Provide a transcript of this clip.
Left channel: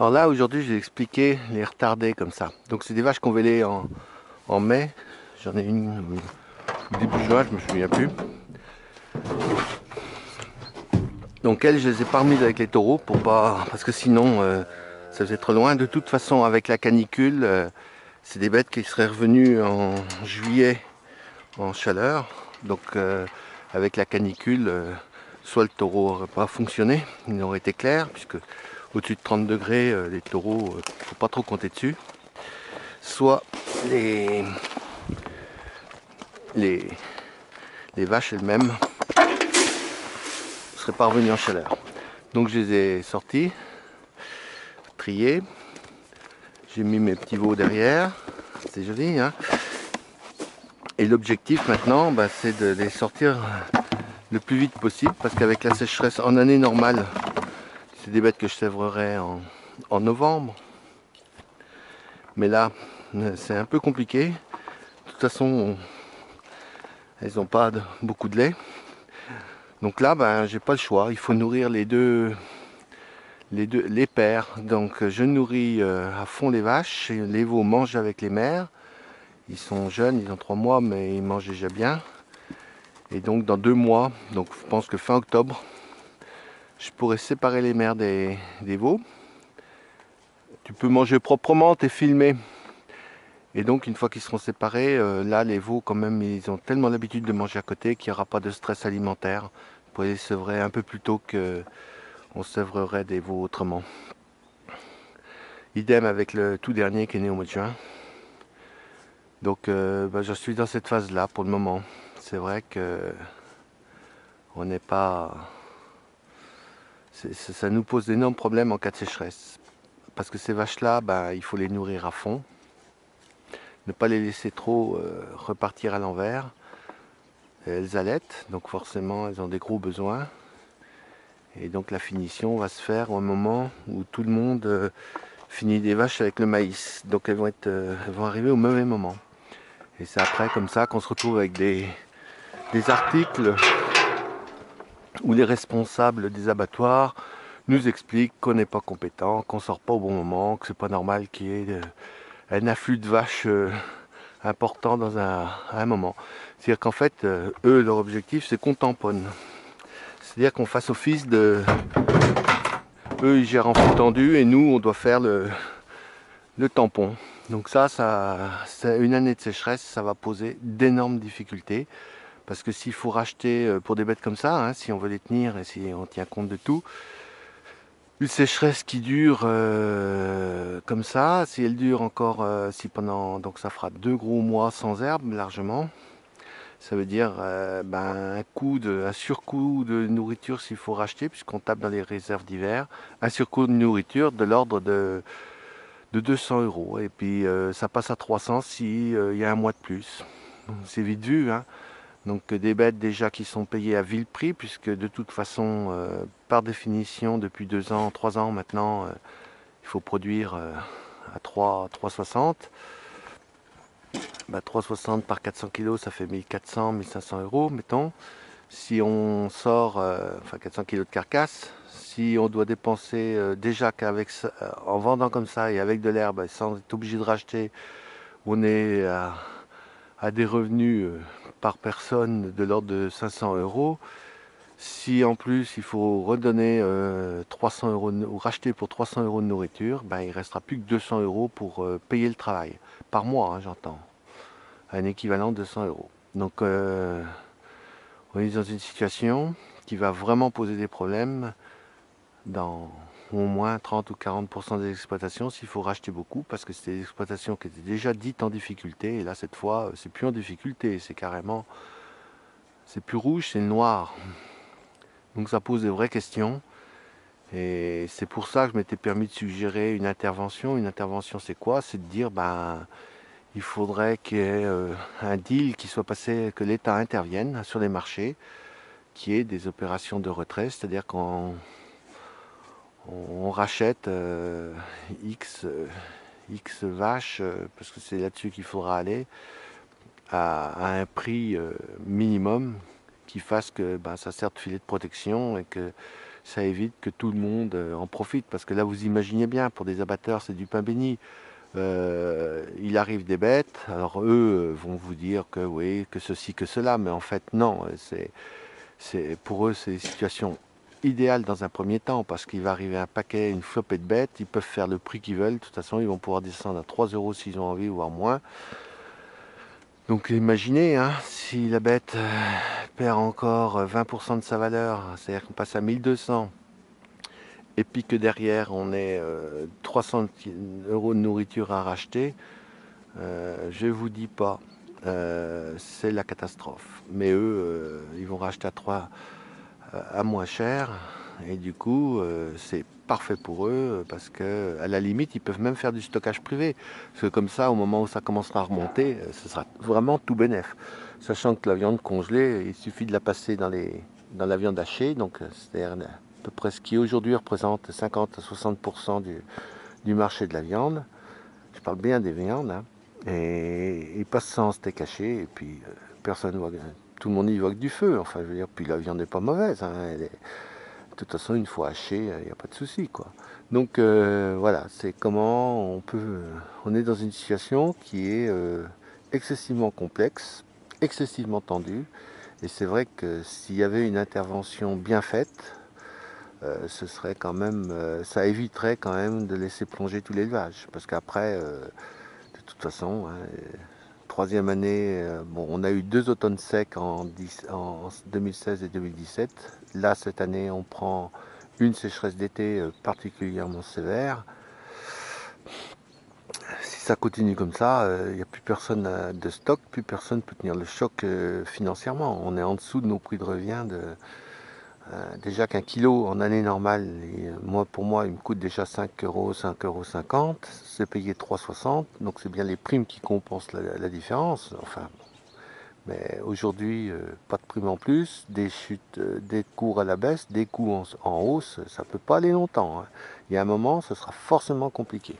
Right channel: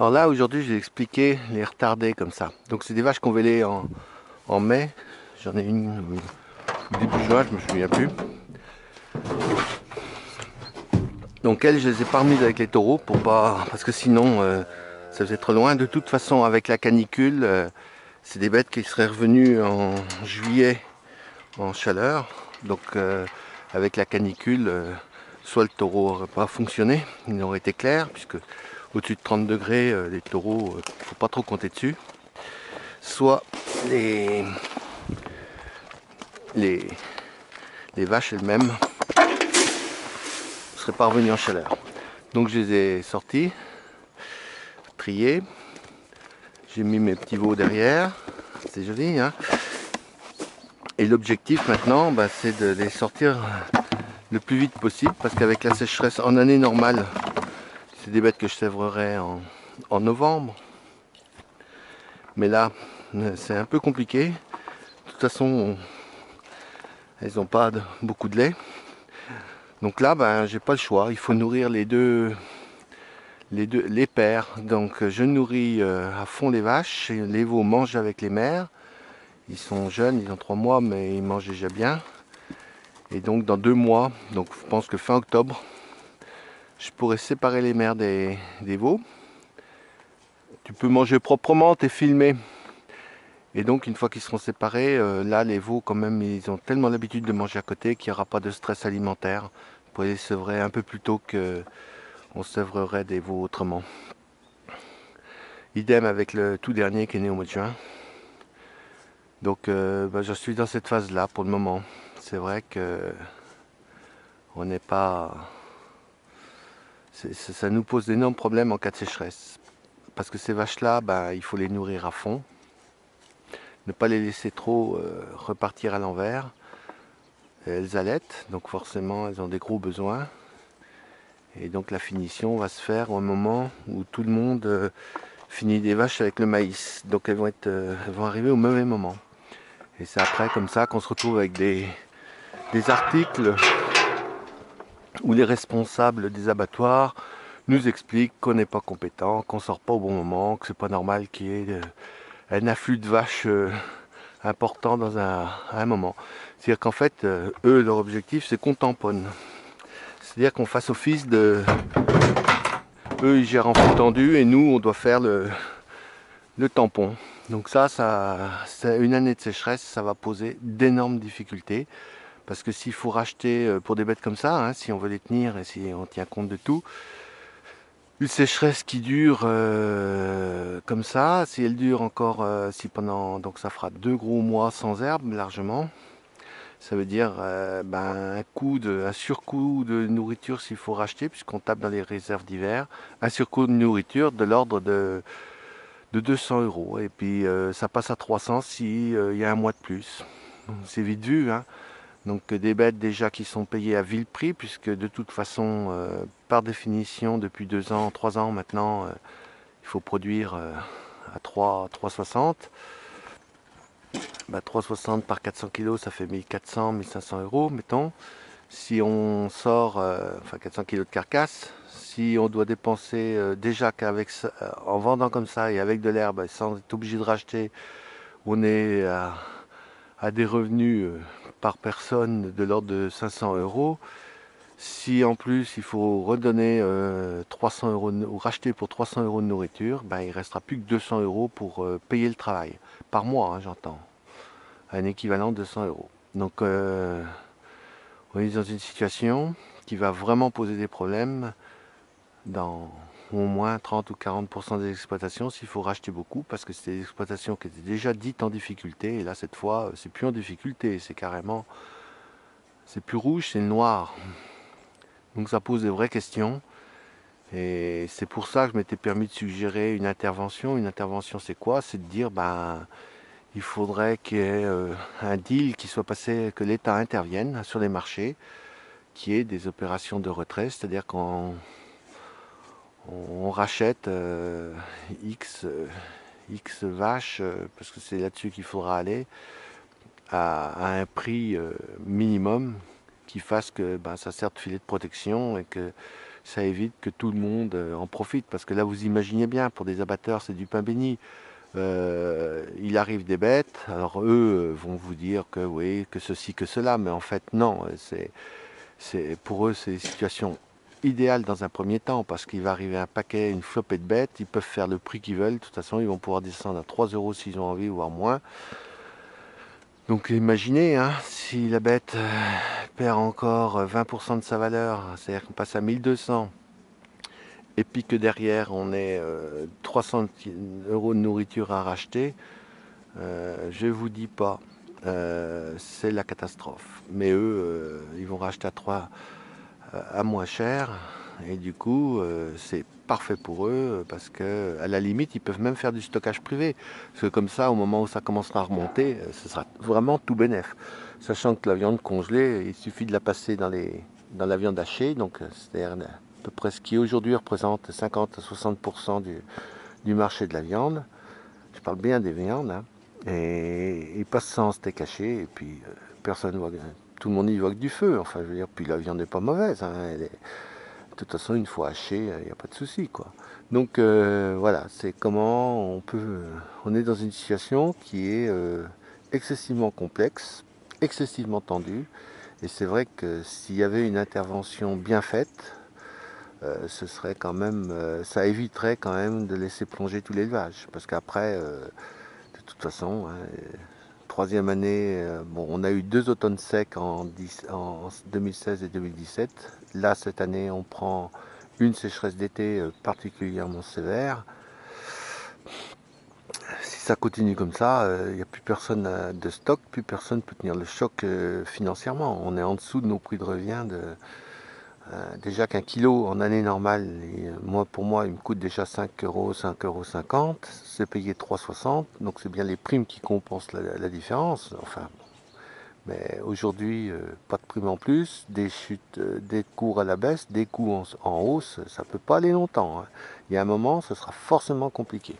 Alors là, aujourd'hui, je vais expliquer les retardés comme ça. Donc, c'est des vaches qu'on vélait en mai. J'en ai une début juin, je me souviens plus. Donc, elles, je les ai pas remises avec les taureaux pour pas, parce que sinon, ça faisait trop loin. De toute façon, avec la canicule, c'est des bêtes qui seraient revenues en juillet en chaleur. Donc, avec la canicule, soit le taureau n'aurait pas fonctionné, il aurait été clair, puisque au-dessus de 30 degrés, les taureaux, faut pas trop compter dessus. Soit les, les, les vaches elles-mêmes ne seraient pas revenues en chaleur. Donc je les ai sortis, triés. J'ai mis mes petits veaux derrière. C'est joli, hein. Et l'objectif maintenant, c'est de les sortir le plus vite possible parce qu'avec la sécheresse en année normale, c'est des bêtes que je sèvrerai en novembre. Mais là, c'est un peu compliqué. De toute façon, elles n'ont pas beaucoup de lait. Donc là, j'ai pas le choix. Il faut nourrir les pères. Donc je nourris à fond les vaches. Et les veaux mangent avec les mères. Ils sont jeunes, ils ont 3 mois, mais ils mangent déjà bien. Et donc dans 2 mois, donc je pense que fin octobre, je pourrais séparer les mères des veaux. Tu peux manger proprement, t'es filmé. Et donc une fois qu'ils seront séparés, là les veaux quand même, ils ont tellement l'habitude de manger à côté qu'il n'y aura pas de stress alimentaire. Vous pouvez les sevrer un peu plus tôt qu'on sèvrerait des veaux autrement. Idem avec le tout dernier qui est né au mois de juin. Donc je suis dans cette phase-là pour le moment. C'est vrai que on n'est pas. Ça nous pose d'énormes problèmes en cas de sécheresse. Parce que ces vaches-là, il faut les nourrir à fond. Ne pas les laisser trop repartir à l'envers. Elles allaitent, donc forcément elles ont des gros besoins. Et donc la finition va se faire au moment où tout le monde finit des vaches avec le maïs. Donc elles vont arriver au mauvais moment. Et c'est après comme ça qu'on se retrouve avec des articles où les responsables des abattoirs nous expliquent qu'on n'est pas compétent, qu'on sort pas au bon moment, que c'est pas normal qu'il y ait un afflux de vaches important dans un moment. C'est-à-dire qu'en fait, eux, leur objectif, c'est qu'on tamponne. C'est-à-dire qu'on fasse office de... Eux, ils gèrent en flux tendu et nous, on doit faire le tampon. Donc c'est une année de sécheresse, ça va poser d'énormes difficultés. Parce que s'il faut racheter pour des bêtes comme ça, hein, si on veut les tenir et si on tient compte de tout, une sécheresse qui dure comme ça, si elle dure encore, si pendant, donc ça fera 2 gros mois sans herbe largement, ça veut dire un surcoût de nourriture s'il faut racheter, puisqu'on tape dans les réserves d'hiver, un surcoût de nourriture de l'ordre de 200 euros. Et puis ça passe à 300 s'il y a un mois de plus. C'est vite vu, hein. Donc des bêtes déjà qui sont payées à vil prix, puisque de toute façon, par définition, depuis 2 ans, 3 ans maintenant, il faut produire à 3,60. 3,60 par 400 kilos, ça fait 1400, 1500 euros, mettons. Si on sort, 400 kilos de carcasse, si on doit dépenser déjà qu'avec en vendant comme ça et avec de l'herbe, sans être obligé de racheter, on est à des revenus par personne de l'ordre de 500 euros. Si en plus il faut redonner 300 euros ou racheter pour 300 euros de nourriture, il restera plus que 200 euros pour payer le travail. Par mois, hein, j'entends. Un équivalent de 200 euros. Donc on est dans une situation qui va vraiment poser des problèmes dans au moins 30 ou 40% des exploitations s'il faut racheter beaucoup, parce que c'était des exploitations qui étaient déjà dites en difficulté, et là cette fois c'est plus en difficulté, c'est carrément, c'est plus rouge, c'est noir. Donc ça pose des vraies questions, et c'est pour ça que je m'étais permis de suggérer une intervention. Une intervention, c'est quoi? C'est de dire, il faudrait qu'il y ait un deal qui soit passé, que l'État intervienne sur les marchés, qui est des opérations de retrait, c'est-à-dire qu'on rachète X vaches, parce que c'est là-dessus qu'il faudra aller, à un prix minimum qui fasse que ça sert de filet de protection, et que ça évite que tout le monde en profite. Parce que là, vous imaginez bien, pour des abatteurs, c'est du pain béni. Il arrive des bêtes, alors eux vont vous dire que oui, que ceci, que cela, mais en fait non, pour eux c'est une situation idéale dans un premier temps, parce qu'il va arriver un paquet, une flopée de bêtes, ils peuvent faire le prix qu'ils veulent, de toute façon ils vont pouvoir descendre à 3 euros s'ils ont envie, voire moins. Donc imaginez, hein, si la bête perd encore 20% de sa valeur, c'est-à-dire qu'on passe à 1200, et puis que derrière on ait 300 euros de nourriture à racheter, je vous dis pas, c'est la catastrophe. Mais eux, ils vont racheter à moins cher, et du coup, c'est parfait pour eux parce que, à la limite, ils peuvent même faire du stockage privé. Parce que comme ça, au moment où ça commencera à remonter, ce sera vraiment tout bénef. Sachant que la viande congelée, il suffit de la passer dans la viande hachée, donc c'est-à-dire à peu près ce qui aujourd'hui représente 50 à 60% du marché de la viande. Je parle bien des viandes, hein. Et il passe ça en steak haché, et puis personne voit, tout le monde y voit que du feu. Enfin, je veux dire, puis la viande n'est pas mauvaise, hein. De toute façon, une fois hachée, il n'y a pas de souci, quoi. Donc voilà, c'est comment on est dans une situation qui est excessivement complexe, excessivement tendue. Et c'est vrai que s'il y avait une intervention bien faite, ce serait quand même, ça éviterait quand même de laisser plonger tout l'élevage. Parce qu'après, de toute façon, hein, troisième année, bon, on a eu 2 automnes secs en 2016 et 2017. Là, cette année, on prend une sécheresse d'été particulièrement sévère. Si ça continue comme ça, il n'y a plus personne de stock, plus personne peut tenir le choc financièrement. On est en dessous de nos prix de revient déjà qu'un kilo en année normale, pour moi, il me coûte déjà 5 euros, 5,50 euros. C'est payé 3,60. Donc c'est bien les primes qui compensent la différence. Enfin, mais aujourd'hui, pas de primes en plus, des chutes, des cours à la baisse, des coûts en hausse, ça ne peut pas aller longtemps, hein. Il y a un moment, ce sera forcément compliqué.